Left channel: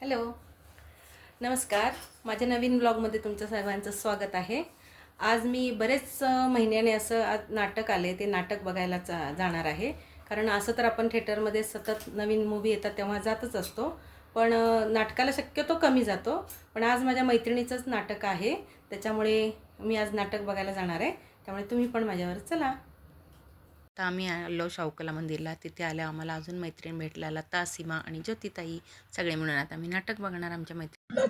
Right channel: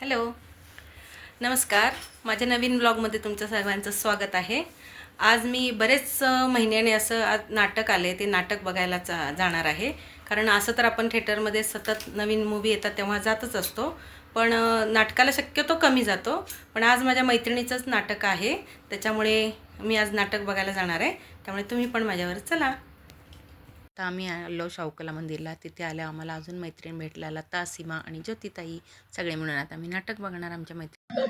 Hello, नमस्कार. माझ्या नवीन ब्लॉगमध्ये तुमचं सर्वांचं स्वागत आहे. आज मी बरेच महिन्याने असं आज नाटक आले, ते नाटक बघायला जाणार आहे. कारण असं तर आपण थिएटरमध्ये सतत नवीन मूवी येतात तेव्हा जातच असतो, पण नाटकाला शक्यतो कमी जातो. पण आज माझ्या मैत्रिणीचंच नाटक आहे, त्याच्यामुळे मी आज नाटक बघायला जाणार आहे. त्यामुळे तुम्ही पण माझ्यावर चला. आता आम्ही आलो शाहूकला मंदिरला. तिथे आल्या आम्हाला अजून मैत्रीण भेटल्या, लता, सीमा आणि ज्योतिताई. सगळे मिळून आता आम्ही नाटक बघणार आमच्या मैत्रिणी.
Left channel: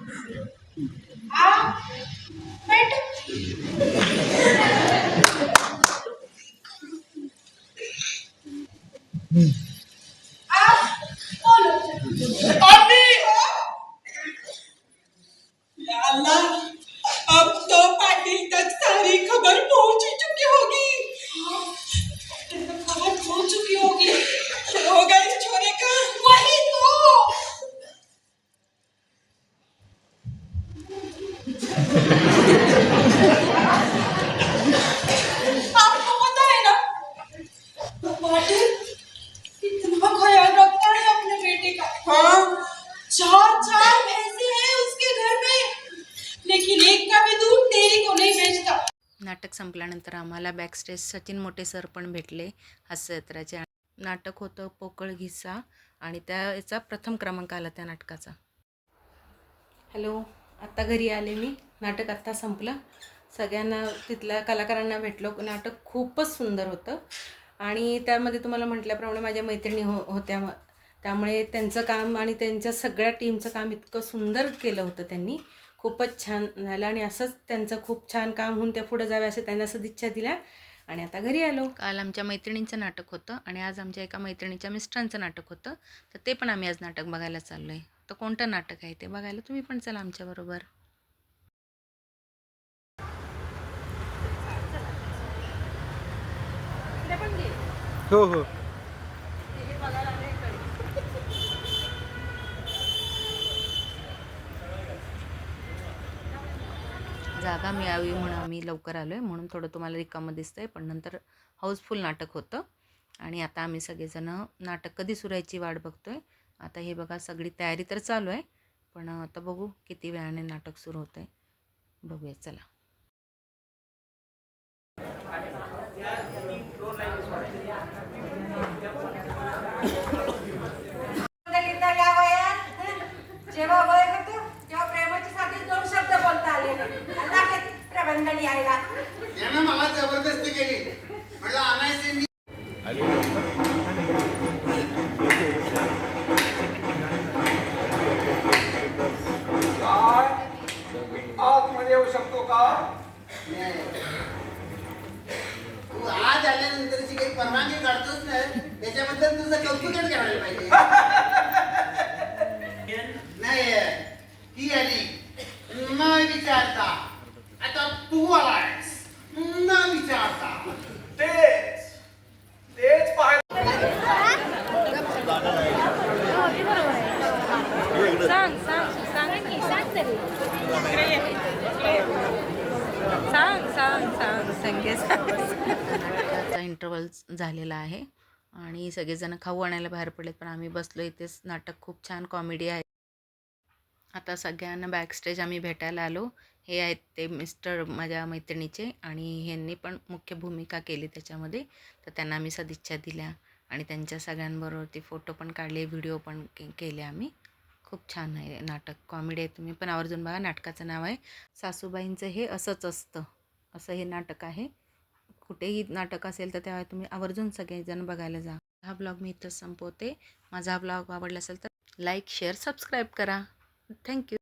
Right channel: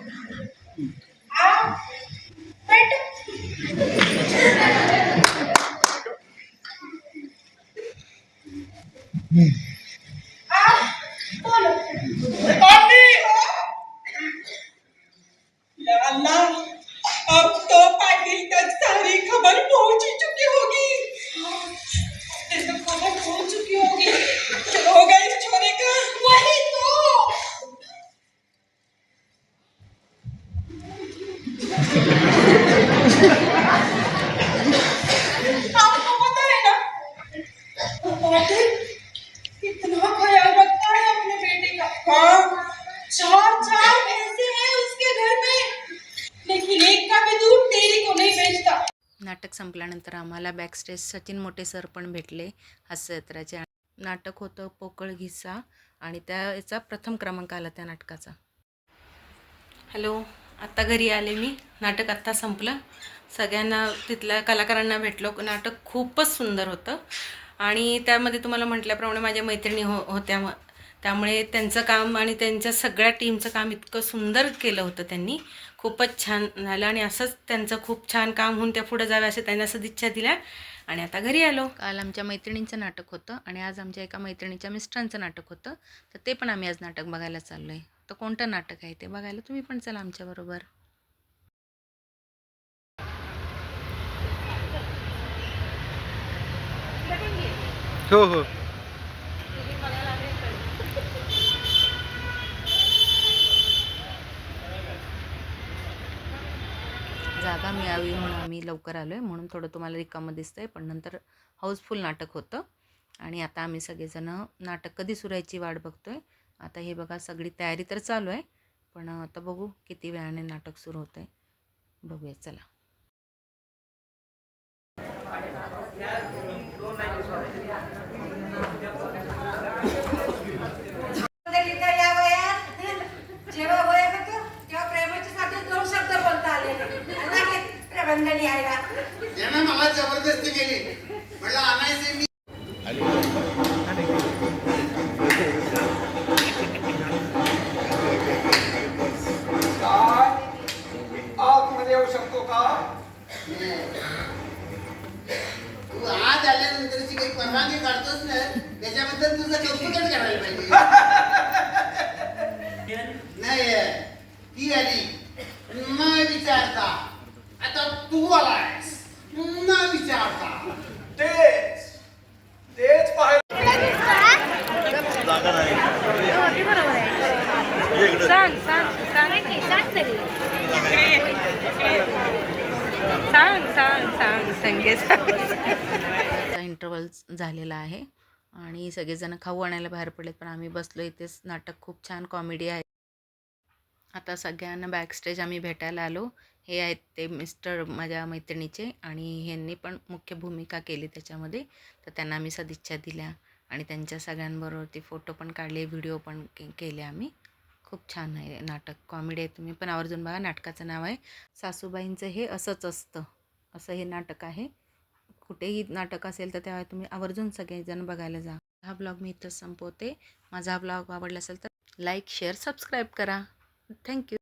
या अल्लाह, अब तो पाटिल तक सारी खबर पहुंच ही चुकी होगी। पाटिल तक खबर पहुंच चुकी होगी। क्या होगा इस छोरे का? वही तो। आपको पता है ना, वो पाटिल कितना ख्याल रखता है अपने बेटे का। हाँ, चार चार भैंसे हैं उसके घर में, लेकिन एक का भी दूध डेयरी को नहीं बेचता। नाटक संपल्यानंतर आम्हाला बॅकस्टेज सचिन मोठे सर पण भेटले, हास्यचित्राचे. नाटक होतं पोकळ घिसा आणि त्याचा प्रथम क्रमांक आला त्या नाटकाचा. हॅलो, आत्ता घरी आले मी. नाटक आत्ता संपलं. सगळ्यांना तिथल्या कलाकारांना भेटलो. नाटक खूपच सुंदर होतं आणि त्यामध्ये तुम्हाला म्हटल्याप्रमाणे माझ्या मैत्रिणी होत्या. त्यामुळे त्यांचं काम आणि त्यांच्या सगळ्या टीमचं काम इतकं सुंदर केलं होतं त्यांनी. खूपच छान झालं आणि असंच त्यांचं खूप छान काम होऊन त्या पुढे जावे असे त्यांना सदिच्छा दिल्या आणि आता घरी आलो. काल आमच्या मैत्रिणींचं नाटक होतं आणि आज आमच्या एका मैत्रिणीच्या मिस्टरांचं नाटक होतं, तर ते पण आम्ही आज नाटक बघायला चाललो आहे. तर कोणतं नाटक आहे ते बघायला तुम्ही पण चला आमच्याबरोबर. हो हो. जागा मिळावी म्हणून आम्ही लवकर आलो आहे, म्हणून थोडं तुम्हाला रिकामं दिसतंय, पण नंतर हाऊसफुल नाटक होतं. आणि आता आम्ही सगळेजणं नाटक कधी सुरू व्हायची वाट बघतोय. आता हे बघा सगळी तयारी तर चालू आहे, पण आता बघू किती वेळाने नाटक सुरू होतंय. बघूया चला. या वयात जेव्हा वय होतं तेव्हा प्रेमाच्या साठी 2 शब्द बोलता आले नाही. प्रबंध लिहायला यानं मला जबरदस्ती केली. म्हटलं आणायचे मी. आतमध्ये येऊ शकतो का? तू आज आल्यानंतरची काही परवानगी काढतोस ना, त्याच्याबद्दल तुझं कौतुकच करायला पाहिजे. नाही ती आली न विचारता, आता तू आलायस न विचारता. तेच पाहायला नाटकाचा इंटरव्हल झालेला आहे आणि सगळेजण खाऊ आणायला बाहेर पडलेत, पण आम्ही बसलो इथेच. नाटक खूप छान कॉमेडी आहे. आता सगळ्यांना बॅकस्टेज आम्ही भेटायला आलो. हे आहेत ते मिस्टर माझ्या मैत्रिणीचे आणि ह्यांनी पण मुख्य भूमिका केली त्याच्यामध्ये, तर त्यांना आम्ही सदिच्छा दिल्या आणि त्यांच्या सगळ्यांबरोबर ते फोटो पण काढले, व्हिडिओ पण केले आम्ही. खूप छान आहे नाटक, कॉमेडी आहे. तुम्ही पण आवर्जून बघा. नाटकाचं नाव आहे सासूबाईंचं हे असंच असतं, असं हे नाटक आहे. कुठेही नाटक असेल तर तेव्हा तुम्ही आवर्जून सगळेजण बघायला जा. हा ब्लॉग मी इथंच संपवते. माझा हा ब्लॉग आवडला असेल तर लाईक, शेअर, सबस्क्राईब करा. थँक्यू.